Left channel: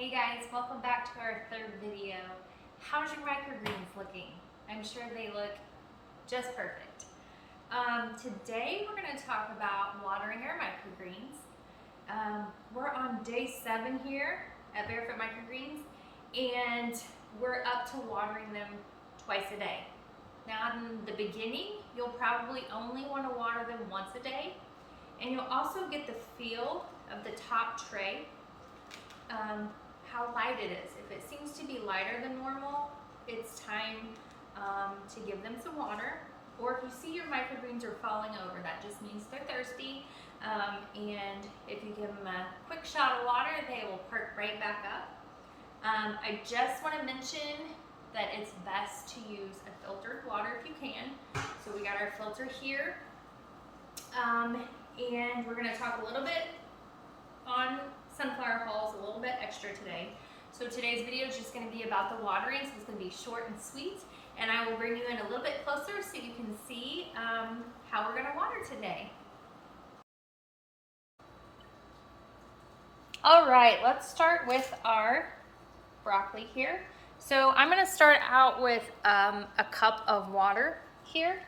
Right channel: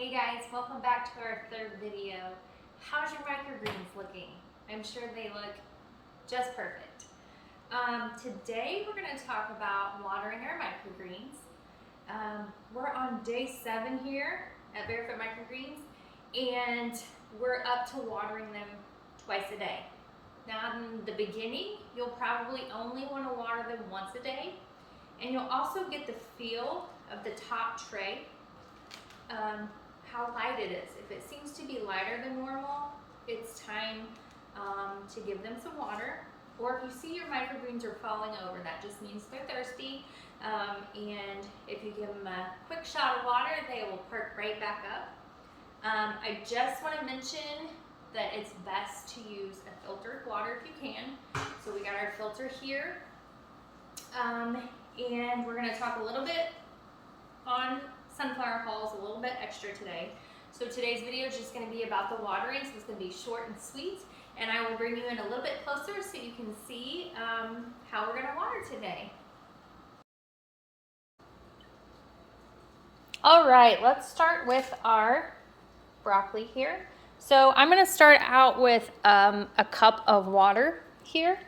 Hey guys, welcome back to our third video. How's your microgreens looking? I'm sure they look just perfect. Today we're going to talk about watering our microgreens. We're on day 7 here at Barefoot Microgreens, and we're up to watering them twice a day. Now in the beginning, you'll probably only want to water them once a day, and you'll also get the feel of the top tray. How light it is. If it seems to be lighter than normal, it's time to give them some water. Or if you see your microgreens are falling over, that just means they're thirsty. And if you give them a quick shot of water, they will perk right back up. I just want to mention that it's best to use a filtered water if you can. So we got our filter here. And we're going to talk a little bit on sunflower hulls, a little bit extra today. So today's video is just going to be about the watering, so it's going to be short and sweet, and I will bring you in a little bit closer so you can see how we're going to water today. All right, let's start with our broccoli here. So I'm going to start out with a cup of water here,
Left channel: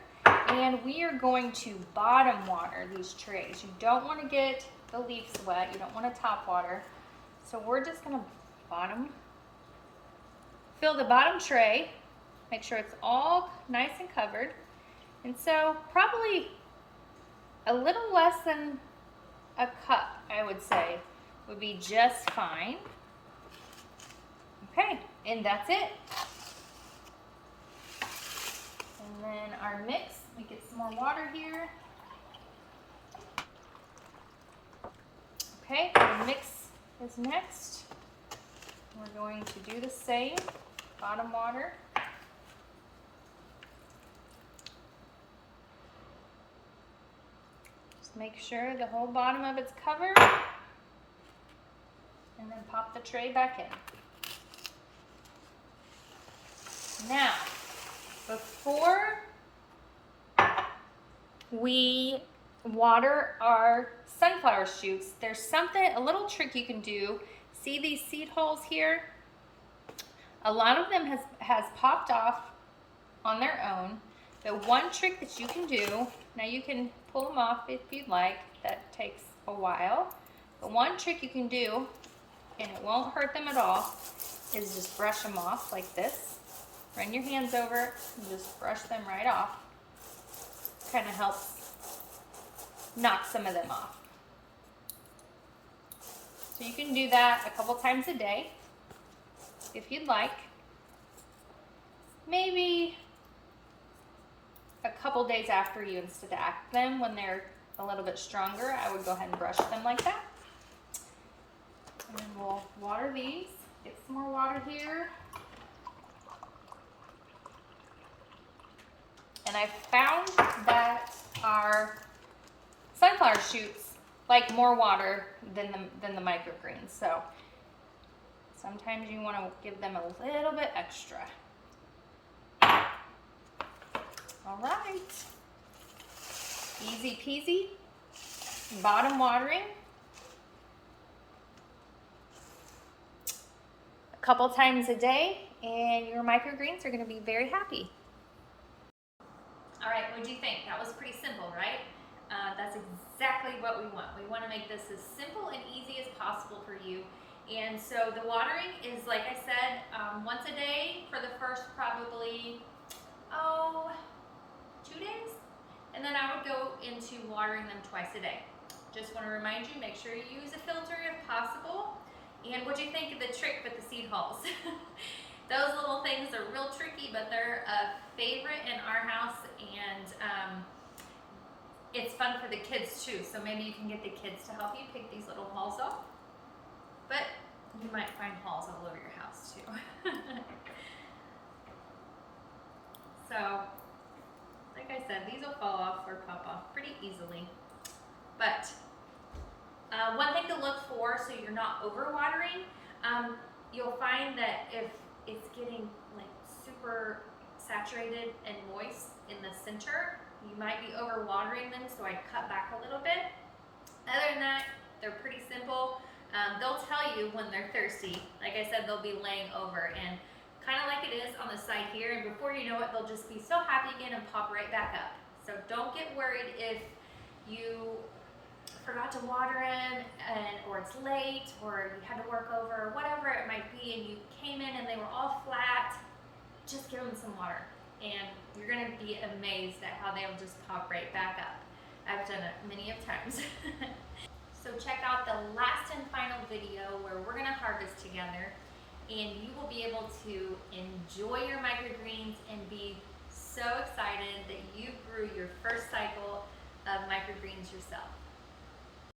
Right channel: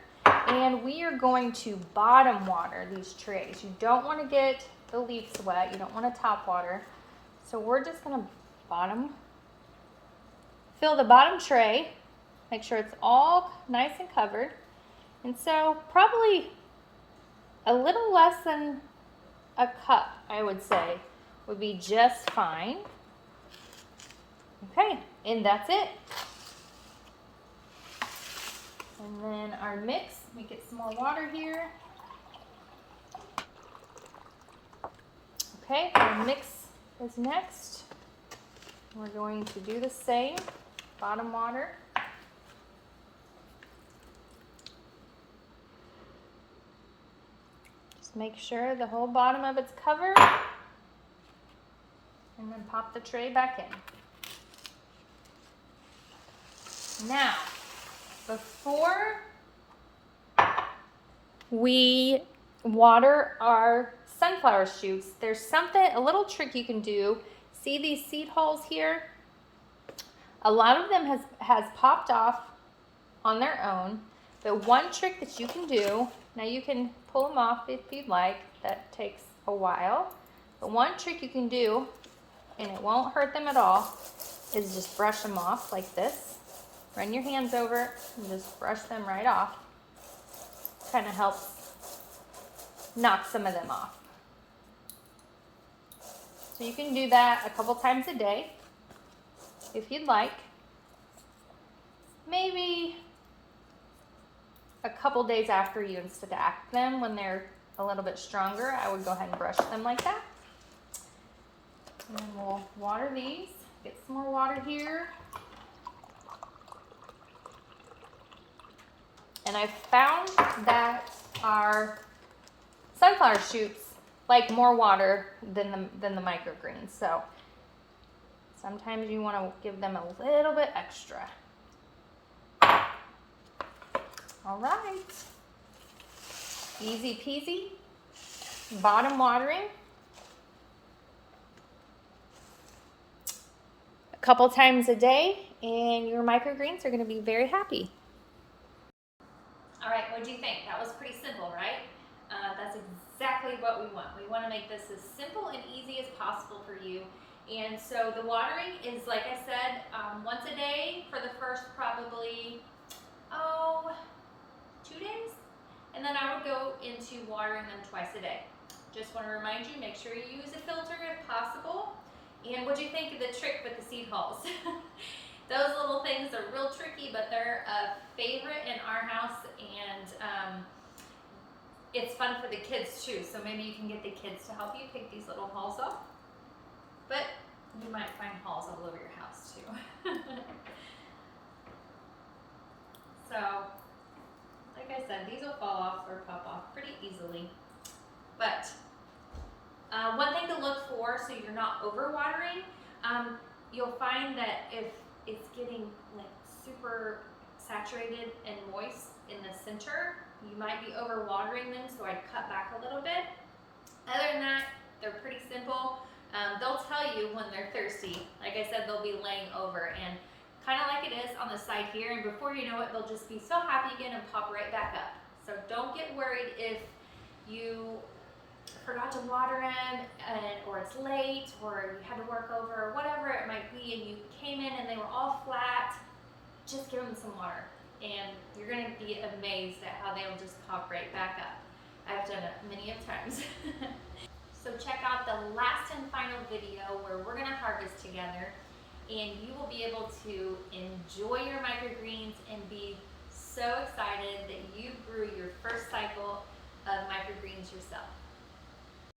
and we are going to bottom water these trays. You don't want to get the leaves wet, you don't want to top water. So we're just going to fill the bottom tray, make sure it's all nice and covered. And so probably a little less than a cup, I would say, would be just fine. Okay, and that's it. And then our mix, let me get some more water here. Okay, our mix is next. We're going to do the same, bottom water. Just make sure the whole bottom of it's covered, and then pop the tray back in. Now, before we water our sunflower shoots, there's a little trick you can do. See these seed holes here? A lot of them has popped off on their own, but one trick that you can do, now you can pull them off if you'd like, that takes a while, but one trick you can do, and it won't hurt them at all, is just brush them off like this. Run your hands over it and just brush them right off. Kind of helps knock some of them off. So you can do that a couple times a day if you'd like. Maybe a couple days after you installact them, when they're a little bit stronger, I would go ahead and brush them like that. And then we'll water these. Get some more water here. And I found that our sunflower shoots like more water than the microgreens. So sometimes you want to give them a little bit extra. All right. Easy peasy. Bottom watering. A couple times a day, and your microgreens are going to be very happy. All right, what do you think? That was pretty simple, right? That's exactly what we want. We want to make this as simple and easy as possible for you. And so the watering is, like I said, once a day for the first probably, 2 days. And then I would go into watering them twice a day. Just want to remind you, make sure you use a filter if possible. And what do you think of the trick with the seed hulls? Those little things are real tricky, but they're a favorite in our house, and it's fun for the kids too. So maybe you can get the kids to help you pick these little hulls off. But you might find hulls all over your house too. So, like I said, these will fall off or pop off pretty easily. But one thing to look for, so you're not overwatering, you'll find that if it's getting like super saturated and moist in the center, you might be overwatering them, so I'd cut back a little bit. Other than that, they're pretty simple. They'll tell you when they're thirsty. Like I said, they'll be laying over, and kind of like it is on the side here, and before you know it, they'll just be so happy again and pop right back up. So don't get worried if you forgot to water them, or it's late, or you had to work over, or whatever it might be, and you came in and they were all flat. Just give them some water, and you're gonna be amazed at how they'll just pop right back up. I've done it many of times. So check out the last and final video where we're gonna harvest together, and you will be able to enjoy your microgreens and be so excited that you grew your first cycle of microgreens yourself.